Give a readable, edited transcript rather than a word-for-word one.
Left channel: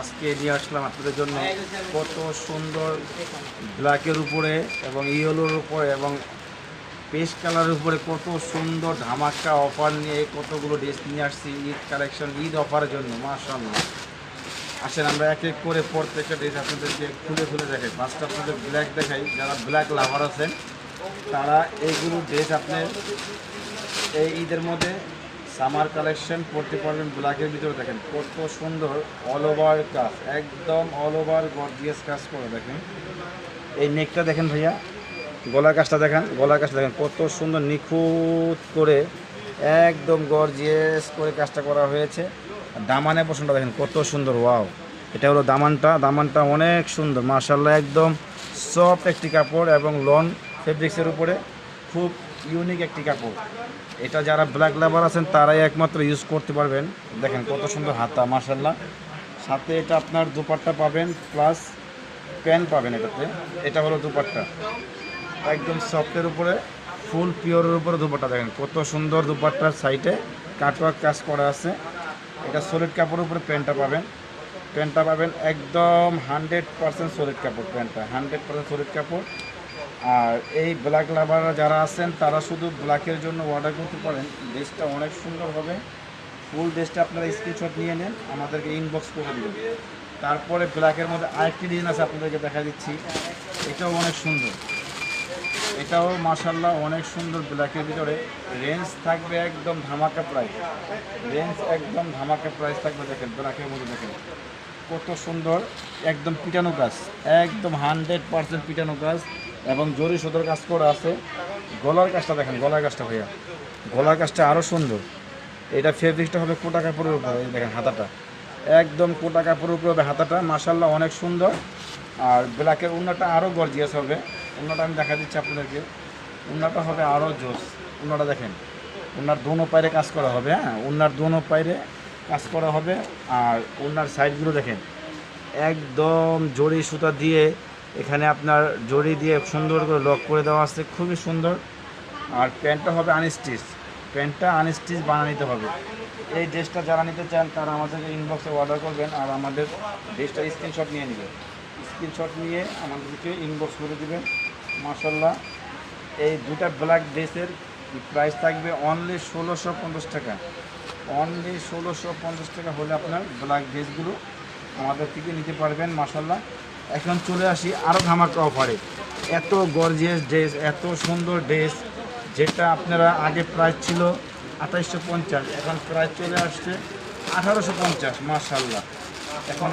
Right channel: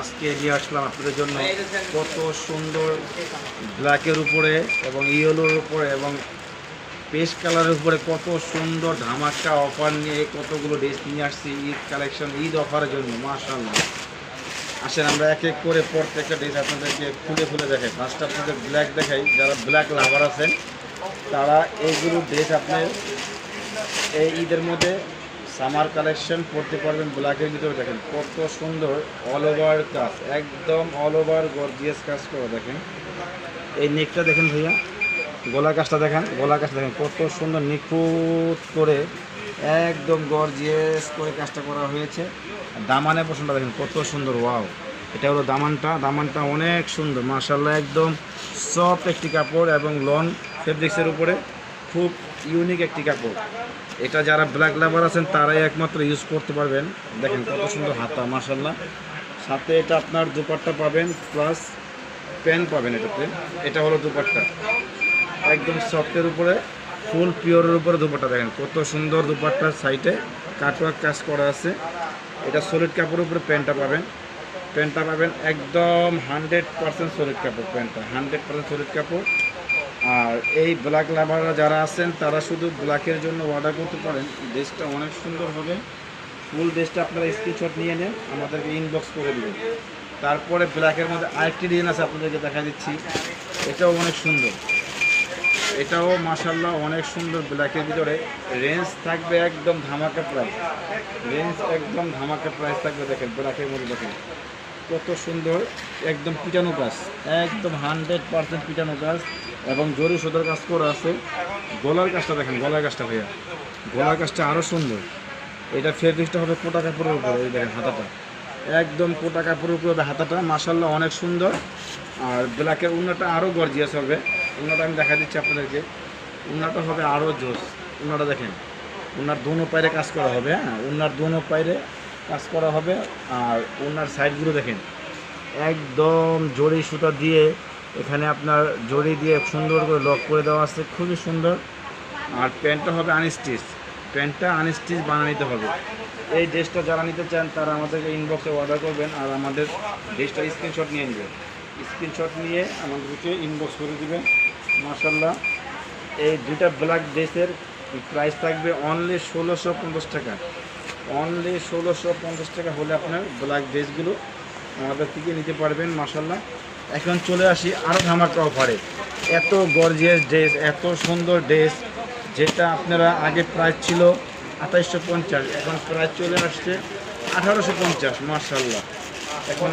আজকে নিয়ে আসলাম আপনাদের জন্য কত সুন্দর ব্ল্যাকের উপরে এবং ইয়েলোর উপরে এবং পেস্ট কালারের উপরে কত সুন্দর ধামাকা অফার নিয়ে কতগুলো ড্রেস নিয়ে আসছি ঈদ কালেকশন ঈদ অফারের জন্য। মাশাআল্লাহ, আসেন আমরা এক এক করে প্রত্যেকটা ড্রেস আপনাদেরকে খুলে খুলে দেখাই। ফার্স্টে আপনাদের ব্ল্যাক দেখাই, যারা ব্ল্যাক লাভার আছেন তারা এইগুলো ড্রেস আপনি এই ঈদের মধ্যে সামার কালেকশন পড়তে পারবেন। ব্ল্যাকের ভিতরে দেখেন কত সুন্দর অল ওভার কাজ, একদম অল ওভার গর্জিয়াস কাজ করে। দেখেন এই নেকটা দেখেন ভাইয়া, গলার কাজটা দেখেন, গলার কাজটা দেখেন কত সুন্দর নিখুঁত করে একদম গর্জিয়াস করে কাজটা করা হয়েছে। দামানে পছন্দ দেখেন কত সুন্দর, ওয়াও! এটা হলো দামানটা অনেক সুন্দর মাশাআল্লাহ, একদম সফট একটি কাপড় এবং লন ফেব্রিক্সের উপরে খুব ইউনিক একটি কাপড়। এটা যারা ব্ল্যাক লাভার আছেন তারাই একমাত্র ইউজ করতে পারবেন। দেখেন কত সুন্দর হাতা মাশাআল্লাহ, সাথে এটা আপনার দুপাট্টা পাবেন প্লাস প্যান্ট পাবেন এটাতে। এটা হলো দুপাট্টা, একদম সফটের উপরে ফুল পিওরের উপরে দুপাট্টা। দেখেন কত সুন্দর দুপাট্টার সাইডে কাটওয়ার্ক কাজ করা আছে। এটা সলিড কাপড়ের উপরে প্যান্টটা পাবেন একদম 100% সলিড কাপড়। প্যান্টটা 100% সলিড কাপড়। আর এই ব্ল্যাক লাভাররা যারা আছেন তারা শুধু ব্ল্যাকের জন্য অর্ডার করতে পারেন। ড্রেসটা অনেক সুন্দর হবে। ফুল ড্রেসটা আপনারা স্ক্রিনশট নিয়ে নেন, আমাদেরকে ইনবক্স করে দেবেন। তারপরে ব্ল্যাকের মধ্যে আরেকটি ডিজাইন আছে, আপনাদেরকে দেখা দিচ্ছি। এটাও অনেক সুন্দর, এটাও মাশাআল্লাহ অনেক সুন্দর। ব্ল্যাকের ভিতরে রেঞ্জ থাকবে একদম ধামাকা প্রাইস, একদম ধামাকা প্রাইস থাকবে। দেখেন ব্ল্যাকের মধ্যে দেখেন কত সুন্দর, একদম পিটানো কাজ, একদম 100% পিটানো কাজ এবং জরি সুতোর কাজ করা আছে। গলার কাজটা দেখেন, গলার কাজটা ভাইয়া, গলার কাজটা আরও সুন্দর। এটা ফেব্রিকটা হবে কোটা কাপড়ের উপরে। এই দেখেন হাতাটা একদম কোটা কাপড়ের উপরে হবে হাতাটা, মাশাআল্লাহ অনেক সুন্দর। আর ব্ল্যাকের উন্নাটা আরও গর্জিয়াস হবে। উন্নাটা আমি দেখা দিচ্ছি আপনাদেরকে, উন্নাটা হবে আরও জোস। উন্নাটা দেখেন, উন্নার দোনো পায়ে কাজ করা হবে। হ্যাঁ, উন্নার দোনো পায়ে কাজ করা হবে। আর উন্নার সাইডগুলো দেখেন একদম জরি সুতা দিয়ে, এখানে আপনার জরি দিয়ে সুন্দর করে লক করে দেওয়া আছে, খুবই সুন্দর। আর প্যান্টটা হবে আনস্টিচ, প্যান্টটা আনস্টিচ বানিয়ে নিতে হবে। এই ড্রেসটা যারা নিতে চান তারা আমাদেরকে ইনবক্সে অর্ডার করবেন আর আমাদের ড্রেসটা স্ক্রিনশট নিয়ে নেবেন। স্ক্রিনশট নিয়ে আমাদেরকে ইনবক্স করে দেবেন। মাশাআল্লাহ, এই দুটা ব্ল্যাক ড্রেসের প্রাইস থাকবে অনলি 1650 টাকা। অনলি 1650 টাকা হলে আপনার ব্ল্যাক ড্রেসগুলো আমাদের থেকে নিতে পারবেন। মাশাআল্লাহ, এখন চলে আসি আরও ধামাকা অফারে। এত গর্জিয়াস ড্রেস, এত সুন্দর ড্রেস, যেটা আপনারা আগে প্রাইস ছিল 2850, এখন প্রাইস চলে আসছে 1850। মাশাআল্লাহ, এখন